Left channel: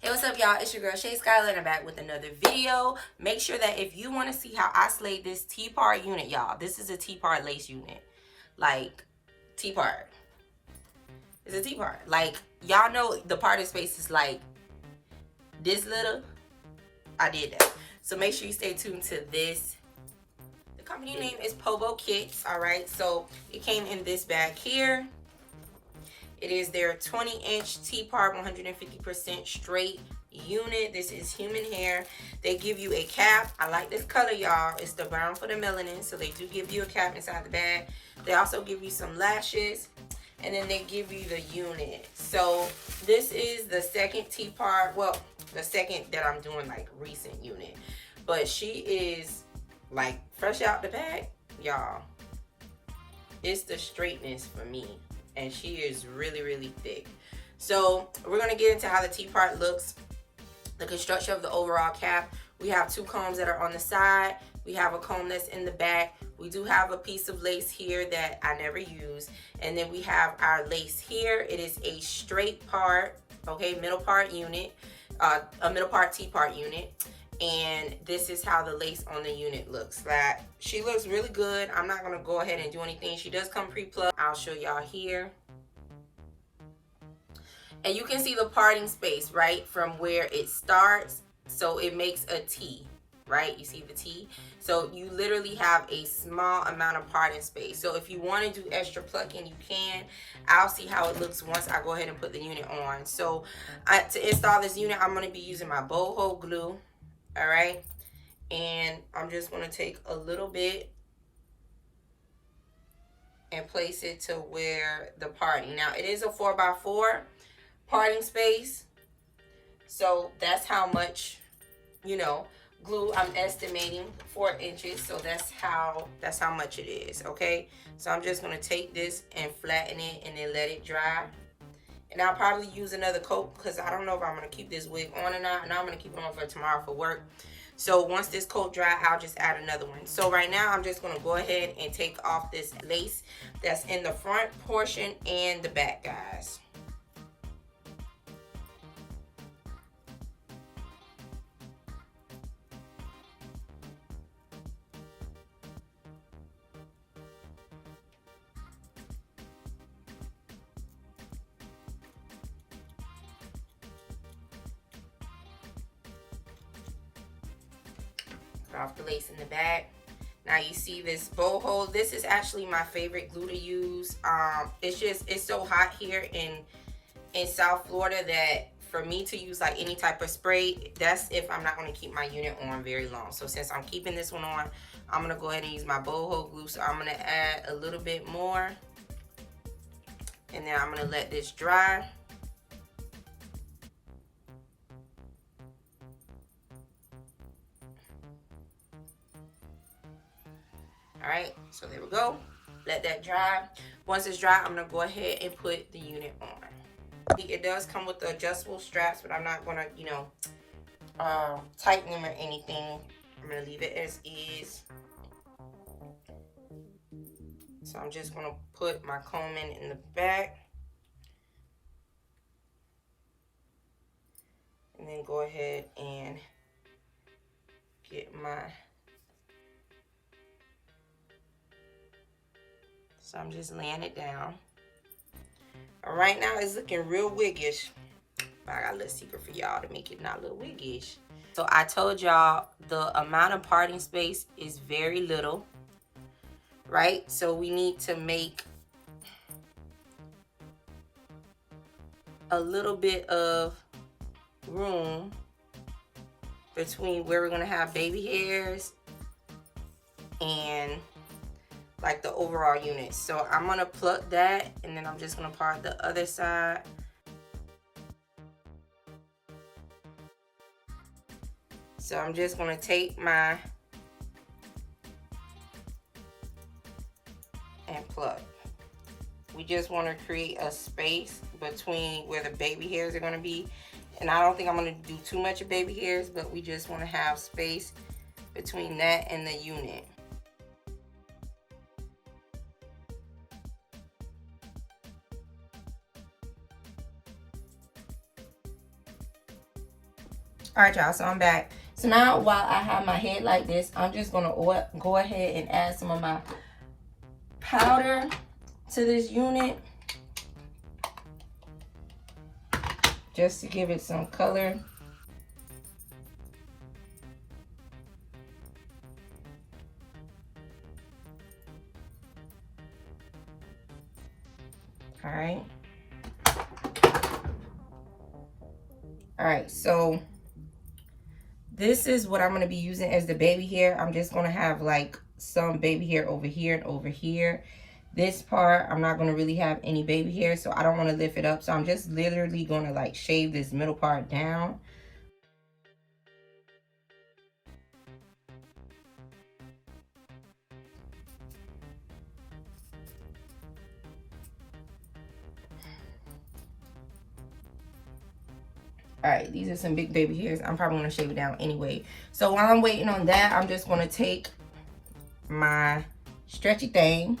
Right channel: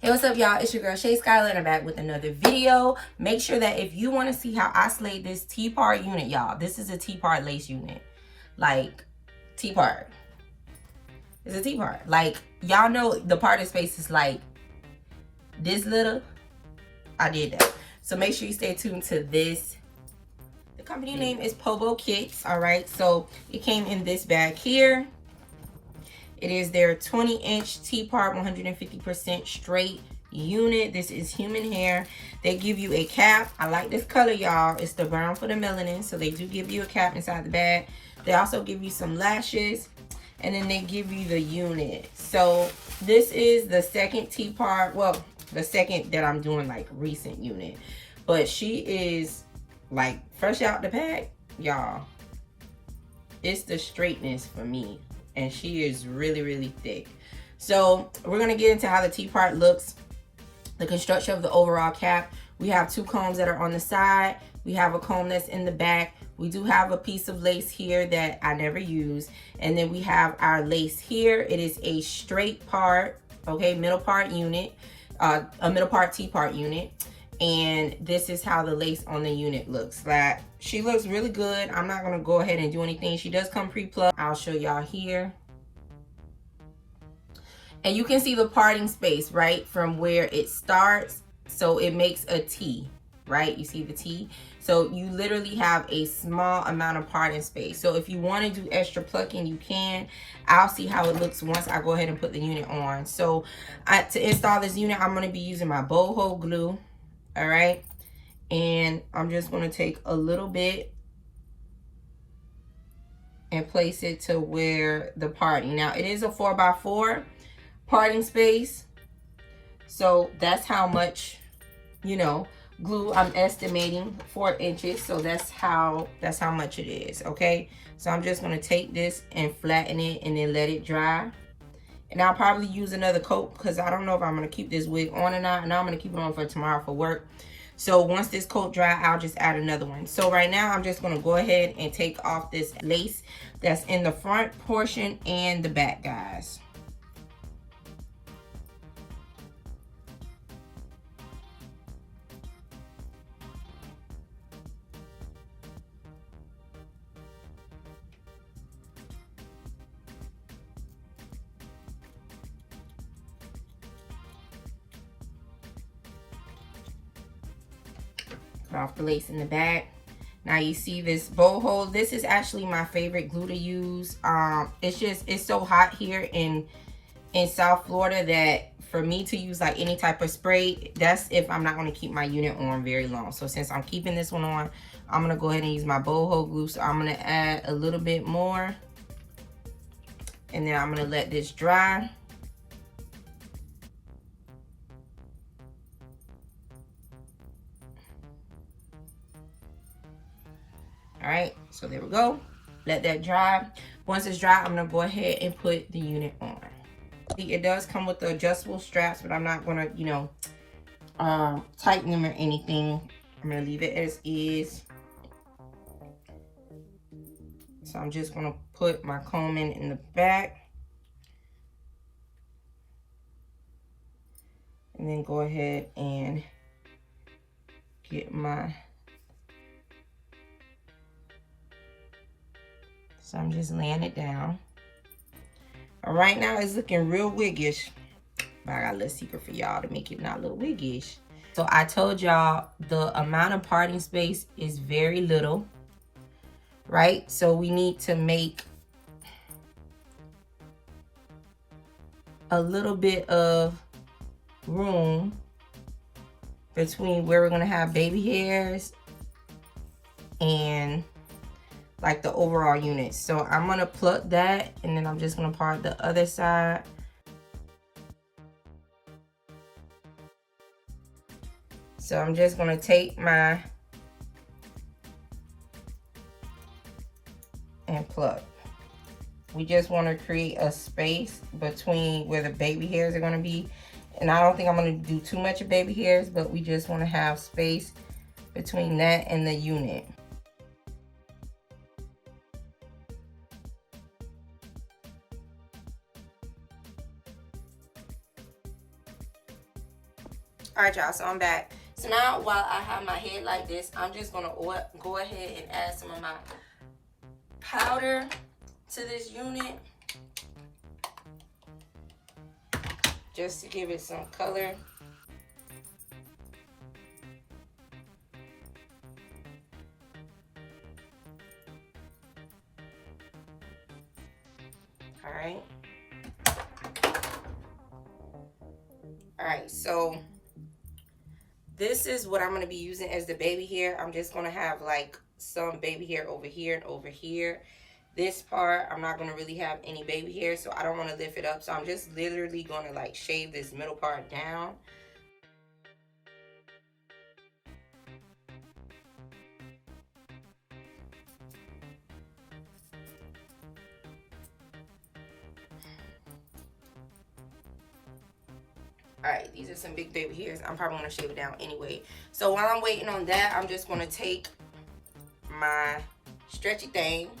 Hey, what's up, y'all? It's your girl Shay Skyler, and I'm back with another video. Make sure that if you want to see how I slayed this T-part unit, y'all, this is a T-part lace unit. Like, T-part. It's a T-part. Like, y'all know the parting space is like this little. I did that. So make sure you stay tuned to this. The company name is Pobo Kits, all right? So it came in this bag here. It is their 20-inch T-part 150% straight unit. This is human hair. They give you a cap. I like this color, y'all. It's the brown for the melanin. So they do give you a cap inside the bag. They also give you some lashes. And then they give you the unit. So this is the second T-part. Well, the second that I'm doing like recent unit. But she is like fresh out the pack, y'all. It's the straightness for me. And she is really, really thick. So we're gonna get into how the T-part looks, the construction of the overall cap. We have two combs that are on the side. We have a comb that's in the back. We do have a piece of lace here that I never use. And then we have our lace here. It is a straight part, okay, middle part unit, a middle part T-part unit. And this is how the lace on the unit looks. That she looks really good. I'm not gonna go ahead and do anything. She does come pre-plugged. I'll show y'all here. And you can see the parting space, right, from where it starts. So it makes a T, right? You see the T? So you literally have a small amount of parting space. So if you want to do extra plucking, you can. I'll see how it looks once I go ahead and put the unit on. So to install this unit, I'm going to be using my boho glue. All right, and I'm just going to take a little bit and place it to where the parting. Now it is a 4x4 parting space, so that's how much, you know, glue I'm estimating, 4 inches. So that's how much it is. Okay, so I'm just going to take this and flatten it and then let it dry. And I'll probably use another coat because I don't know if I'm going to keep this wig on or not. And I'm going to keep it on for tomorrow for work. So once this coat dry, I'll just add another one. So right now, I'm just going to go ahead and take off this lace that's in the front portion and the back, guys. Off the lace in the back. Now you see this boho. This is actually my favorite glue to use. It's so hot here in South Florida that for me to use like any type of spray, that's if I'm not going to keep my unit on very long. So since I'm keeping this one on, I'm going to go ahead and use my boho glue. So I'm going to add a little bit more, and then I'm going to let this dry. All right, so there we go. Let that dry. Once it's dry, I'm gonna go ahead and put the unit on. It does come with the adjustable straps, but I'm not gonna, you know, tighten them or anything. I'm gonna leave it as is. So I'm just gonna put my comb in the back. And then go ahead and get my... So I'm just laying it down. All right, now it's looking real wiggish. But I got a little secret for y'all to make it not look wiggish. So I told y'all the amount of parting space is very little, right? So we need to make a little bit of room between where we're gonna have baby hairs and like the overall unit. So I'm gonna pluck that, and then I'm just gonna part the other side. So I'm just gonna take my and pluck. We just want to create a space between where the baby hairs are gonna be. And I don't think I'm gonna do too much of baby hairs, but we just wanna have space between that and the unit. All right, y'all, so I'm back. So now while I have my head like this, I'm just gonna go ahead and add some of my powder to this unit, just to give it some color. All right. All right, so this is what I'm going to be using as the baby hair. I'm just going to have like some baby hair over here and over here. This part, I'm not going to really have any baby hair, so I don't want to lift it up. So I'm just literally going to like shave this middle part down. All right, these are some big baby hairs. I'm probably gonna shave it down anyway. So while I'm waiting on that, I'm just gonna take my stretchy thing.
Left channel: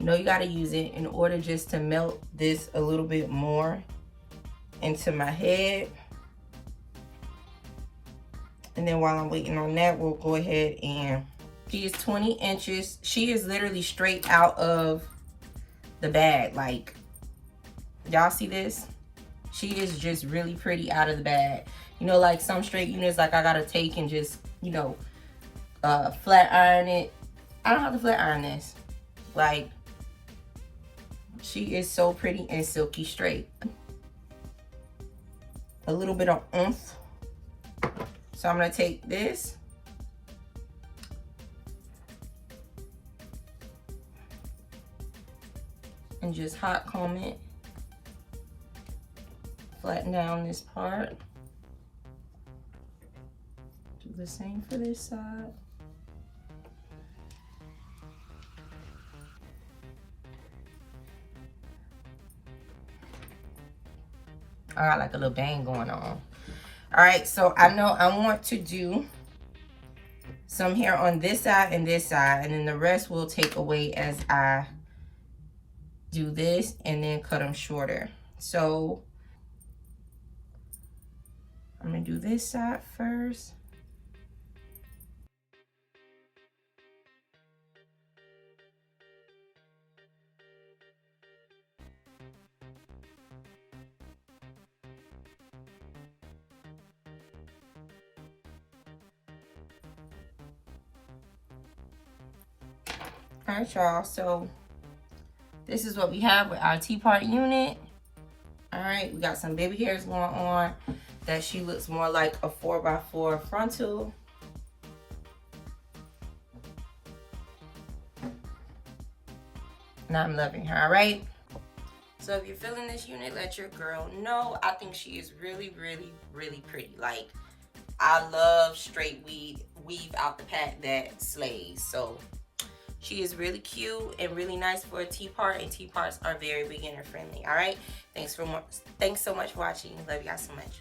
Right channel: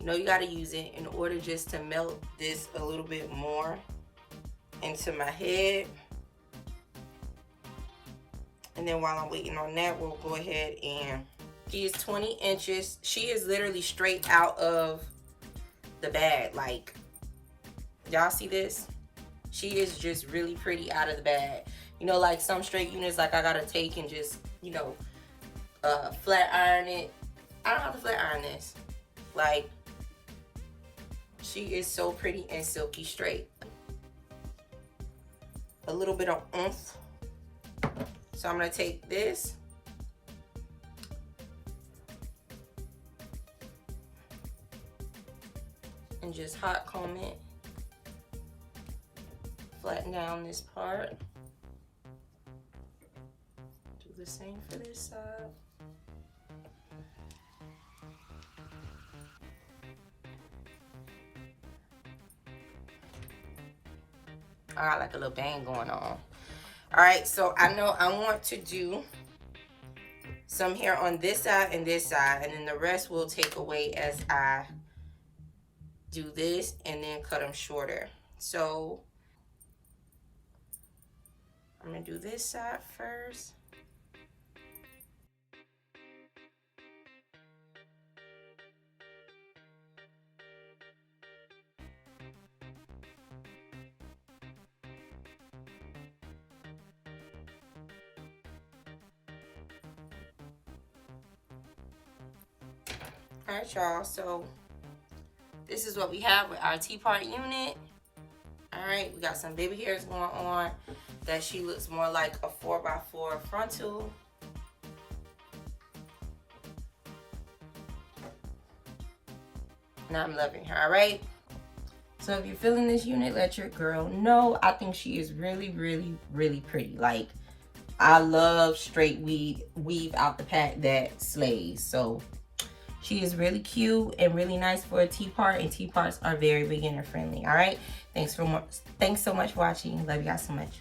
You know you gotta use it in order just to melt this a little bit more into my head. And then while I'm waiting on that, we'll go ahead and, she is 20 inches. She is literally straight out of the bag. Like, y'all see this? She is just really pretty out of the bag. You know, like some straight units, like I gotta take and just, you know, flat iron it. I don't have to flat iron this. Like, she is so pretty and silky straight. A little bit of oomph. So I'm gonna take this. And just hot comb it. Flatten down this part. Do the same for this side. I got like a little bang going on. All right, so I know I want to do some hair on this side and this side, and then the rest will take away as I do this and then cut them shorter. So I'm gonna do this side first. All right, y'all, so this is what we have with our T-part unit. All right, we got some baby hairs going on that she looks more like a 4x4 frontal. Now I'm loving her. All right, so if you're feeling this unit, let your girl know. I think she is really, really, really pretty. Like, I love straight weave out the pack that slays. So she is really cute and really nice for a T-part, and T-parts are very beginner friendly. All right, thanks so much for watching. Love you guys so much.